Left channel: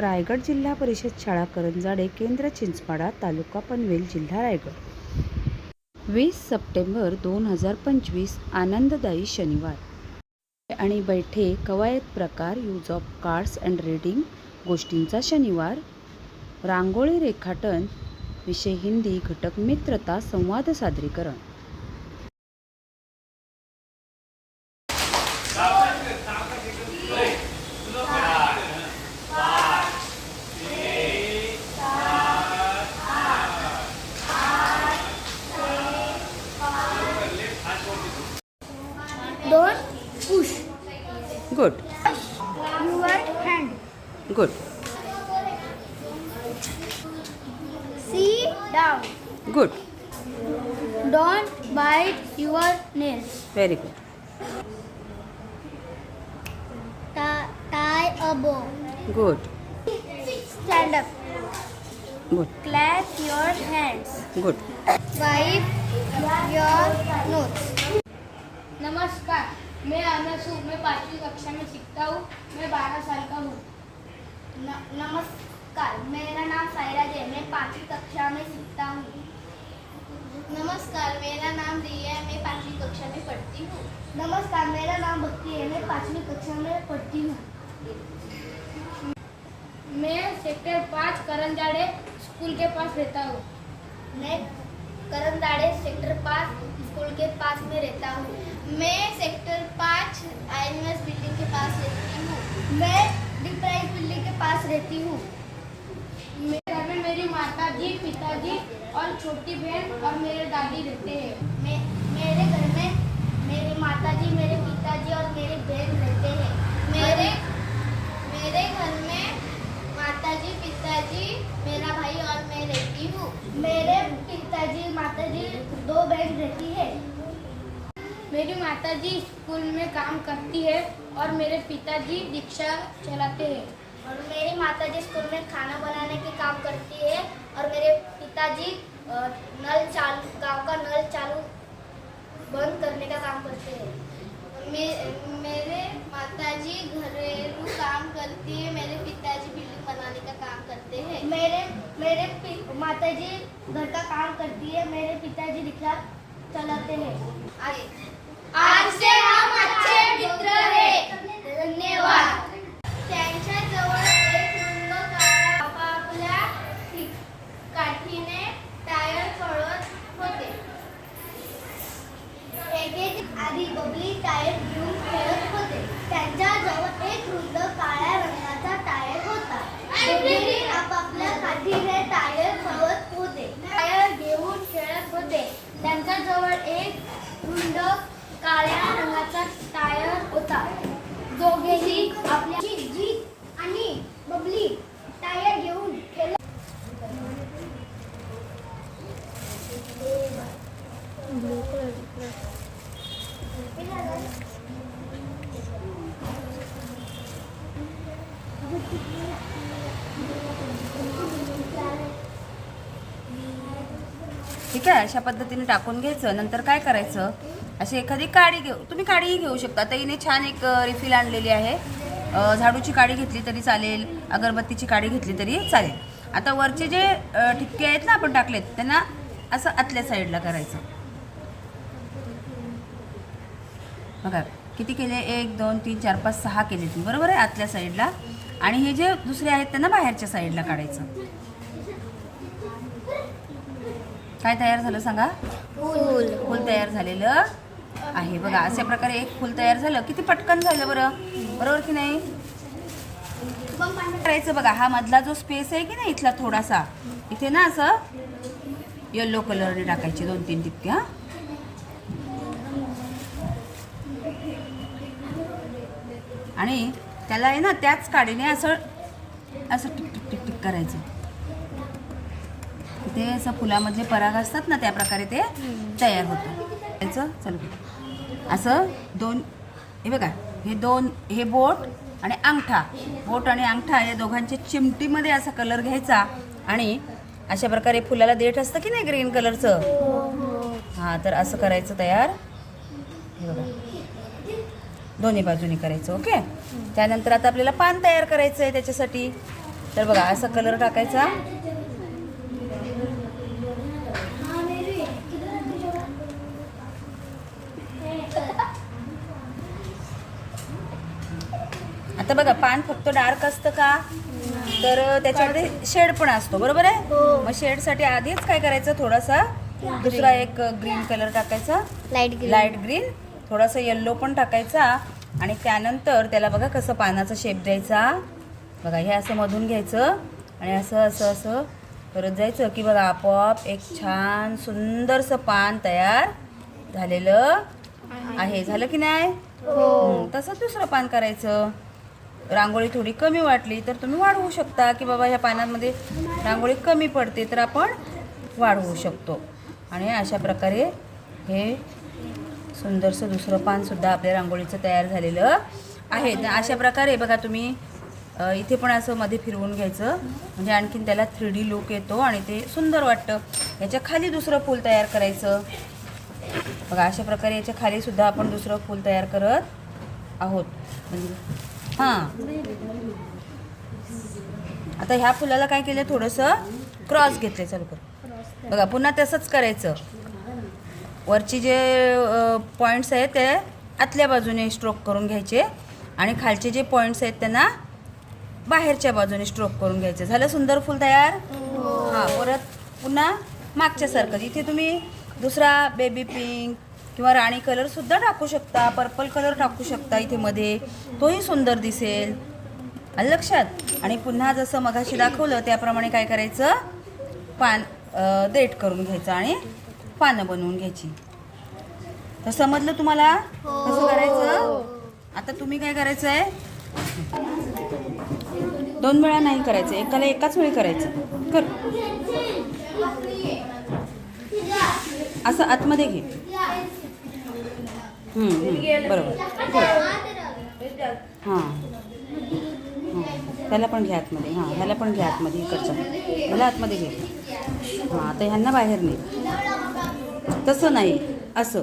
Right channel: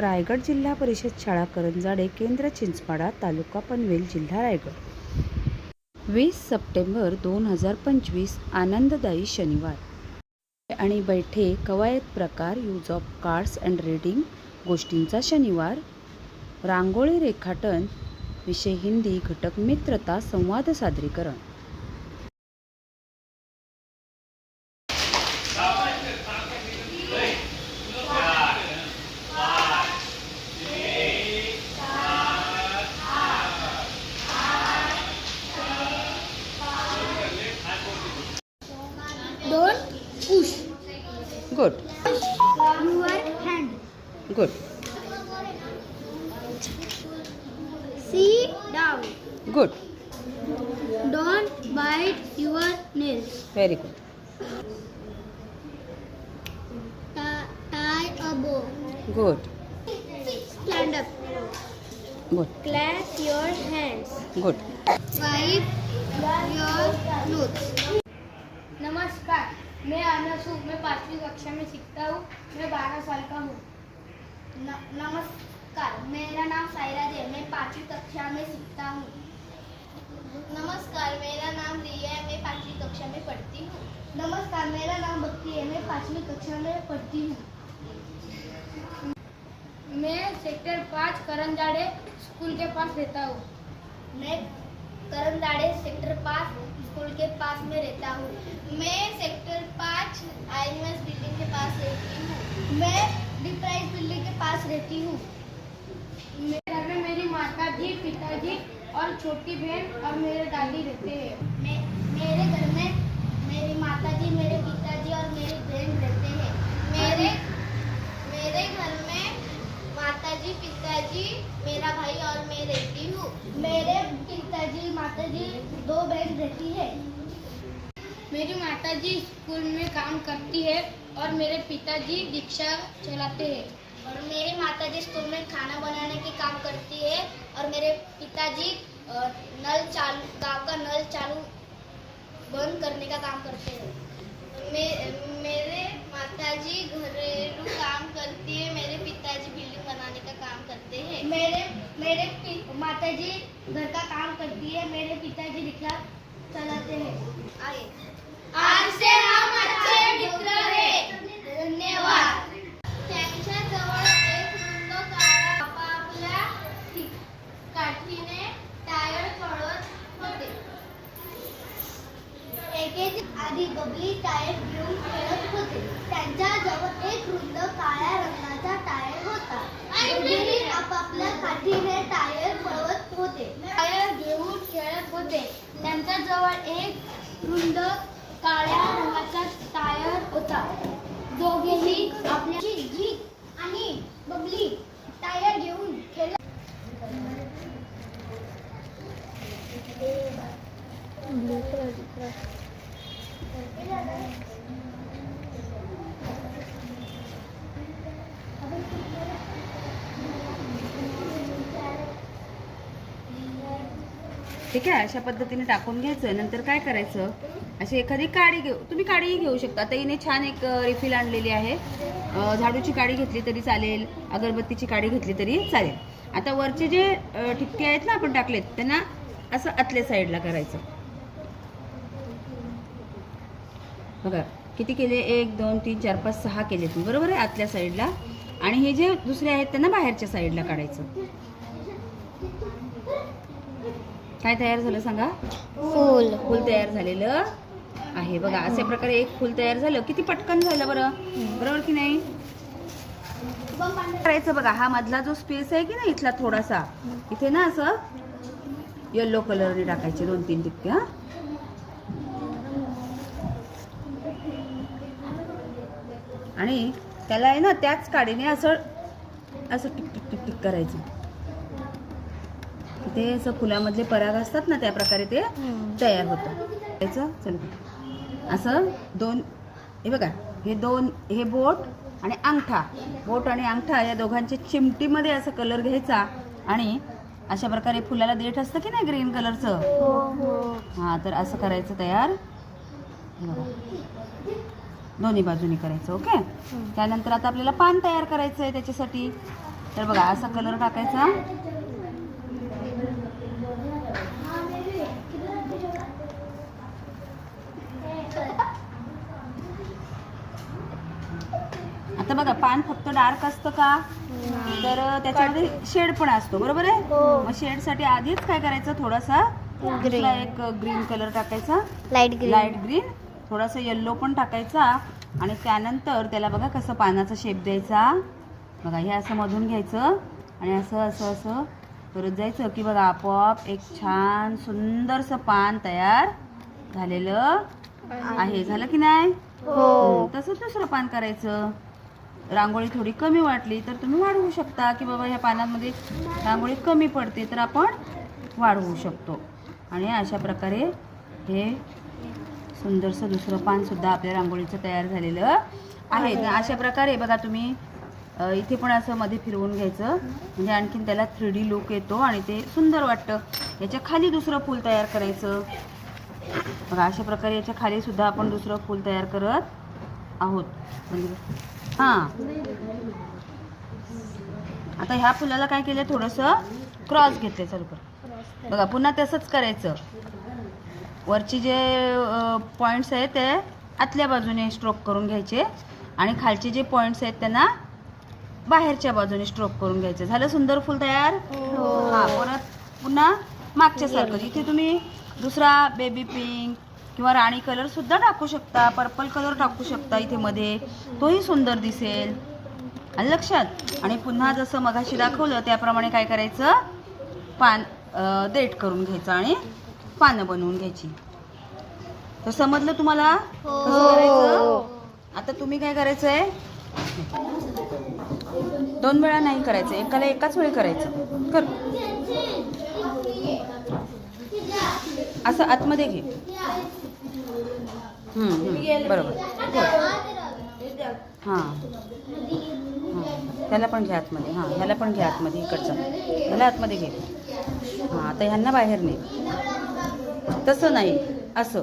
रायगड जिल्हा परिषद शाळा करंजाडे, केंद्र चिंचपाडा, तालुका पनवेल, जिल्हा रायगड. 20 सप्टेंबर 2025 आनंददायी शनिवार आणि बैठे कवायत प्रकार, use of cards and reading, गोष्टींचा शनिवार, रांगोळी रेखाटन, विषय हिंदी, घटक मित्रता, संवाद सादरीकरण. Don't push good your hand. Good Sit down. Good Don't bite your nails. Very good Tie a bow. Good Stand up. Good Clap your hands. Good Wipe your nose. नमस्कार, मैं अनस हूँ। मैं 5वीं कक्षा में सीखता हूँ। मैं 12 साल का हूँ। नमस्कार, मेरा नाम सायराज है। मैं 5वीं कक्षा में सीखता हूँ। नमस्कार, मेरा नाम रिया है। मैं 5वीं कक्षा में पढ़ती हूँ। नमस्कार, मेरा नाम भक्ति है। मैं 5वीं कक्षा में पढ़ती हूँ। मैं सेक्टर 5 करंजाड़े स्कूल के पास रहता हूँ। मैं करंजाड़े सेक्टर 5 स्कूल के पास में रहता हूँ। मैं सेक्टर 5 आईएमएस बिल्डिंग के पास रहती हूँ। मैं डी प्राइज बिल्डिंग के पास रहती हूँ। मेरे घर में मेरी माता जी, पिताजी और छोटी बहन और मेरे दादी रहते हैं। मेरे घर में मेरी माता जी, मेरे पिताजी और मेरी बहन रहते हैं। मेरे घर में माता जी, पिताजी, मेरा भाई और मैं रहती हूँ। मेरे पिताजी, माता जी, 2 बहन रहती है। मेरी माता जी स्कूल में काम करती है और मेरे पिताजी रिक्शा चलाते हैं। और मेरी माता जी स्कूल में खाना बनाने के काम करती है और मेरे पिताजी गांव का नल चालू बंद करने का काम करते हैं। मेरे माताजी घरेलू काम करती है। मेरे पिताजी बिल्डिंग बनाने का काम करते हैं। मेरे माताजी घर का काम करती है। मेरे पिताजी रिक्शा चलाते हैं। आज से हम अच्छे मित्र हैं। धन्यवाद. त्यांच्या जवळ एक रुंद काळा आपापल्या काठीने टायर पळवत होते. एकेच आधी बबली टायर घेऊन खेळत होते. त्यांच्या जवळ एक रुंद काळ्या रंगाचा टायर होता. बबली आपापल्या काठीने टायर पळवत होते. टायर घेऊन खेळत होते. त्यांच्या जवळ एक रुंद काळ्या रंगाचा टायर होता. दोघेही आपली जीत आणि बबली टायर घेऊन खेळत. ठीक आहे. अशा पद्धतीने टाकून घ्यायचं. नंतर काय करायचं, अशी एखादी काडी तुम्ही काडीही घेऊ शकता. आता हिने छान एक रिफिल आणलेली आहे. झाडूची काडी घेतली तरी चालेल, अगरबत्तीची काडी घेतली तरी चालेल. आता वरचे जे ठिपके आहेत ना आपण टाकलेत, त्यांना असं आतल्या साईडला करायचं. बघा किती केले, 1 2 3 4 5 6 केले तुम्ही, बरोबर आहे, आतल्या साईडला. आणि हे जे दुसरे आहेत त्यांना बाहेरच्या साईडला काढायचं. काय तयार झालं सांगा? फूल तयार झालेलं आहे. बघा अशा प्रकारे एक फूल तयार झालं. किती पटकन झालं बरं, बरोबर की नाही? करायचं बघा, हा मधला जो स्पेस आहे की नाही इथला थोडासा, इथे ना असं येलो कलरने टाकायचे 2-3 टिपके. हा आणि त्याला आहे ना त्याच काडीने असं असं टिक टिक टिक टिक करायचं. ते असं फुलामधले पराग असतात ना, त्या प्रकारे ते तयार होतं. चला असं 2, हे बघा, हे बोट आणि अंगठा, बोट आणि अंगठा या दोघांच्या चिमटीमध्ये असा कलर घ्यायचा आणि अशा प्रकारे फुलाला देठ असतं की नाही ग्रीन कलरचं, हां, तर असं करायचं तयार. हे बघा दोन्ही बाजूनी करायचं. ओके. त्यानंतर आता आपल्याला पान तयार करायचं आहे. त्याच्यासाठी तर बघा असा कलर टाकायचा. आता बघा पान फक्त डार्क असतं का, तर त्याच्यामध्ये शेड पण असतो, बरोबर आहे. मग शेडसाठी आधीच काय करायचं, थोडासा दुसरा एक ग्रीन कलर टाकायचा, लाईट ग्रीन, थोडासा येल्लो पण टाकायचा. आणि त्यानंतर त्याला बघा कसं पानाचा शेप द्यायचा. बघा हे असं मधून घ्यायचं आणि असं असं असं करत जायचं की बघा आपोआप एक छान सुंदरसं पान तयार झालेलं आहे. झालं की नाही. तसंच दुसरं पान करायचं. रांगोळी थोडी कमी वाटली तर तुम्ही वाढवू शकता, की बाबा ह्या पानांमध्ये रांगोळी कमी पडते तर आपण वाढवू शकतो. आणि अशा प्रकारे हे सुंदरसं दुसरं पानसुद्धा आपल्या रांगोळीचं तयार झालेलं आहे. अशा प्रकारे बघा तुम्ही इथे पण असं मध्ये फिरवून घ्यायचं, म्हणजे आणखीन त्याला 3D लुक येतो आणि ते सुंदर वाटतं. याच्या खाली दुसरं फूल तयार करायचं. बघा अशा प्रकारे याच्या खाली सुद्धा आपण दुसरं फूल तयार करत आहोत. हां, आता ह्या फुलाला काय केलं, थोडंसं क्रॉस घेतलं. चालू कर. बघा पुन्हा तसंच करायचं. वरची जे पॉईंट्स आहेत ते आतल्या बाजूने स्ट्रोक करून घ्यायचे आणि खालचे जे पॉईंट्स आहेत त्यांना बाहेरच्या बाजूने स्ट्रोक करून घ्यायचे. झालं सुंदर फुल तयार. हां, परत पुन्हा मागच्यासारखं इथे तुम्ही दुसरा बेबी पिंक किंवा राणी कलर सुद्धा टाकू शकता, पर्पल कलर टाकू शकता इथे मध्ये, तोही सुंदर दिसेल. आलं लक्षात. आणि पुन्हा जसं मगाशी दाखवलं त्याप्रमाणे काय करायचं, पान देठ करून घ्यायचं आणि पानं बनवून घ्यायची. तर समजलं तुम्हाला कसं करायचं. आता तुम्ही काय करायचंय, 2 वेळा नाही करायचं, एकाला एकाच वेळी करायचं. कर असं आतमध्ये घे. बरोबर. हां हां, त्याला पण घ्या आतमध्ये. हां, ह्याला पण घ्या आतमध्ये, इकडचा ह्याला आतमध्ये घे. हां, आता ह्यांना बाहेर नाही, तसं नाही, असं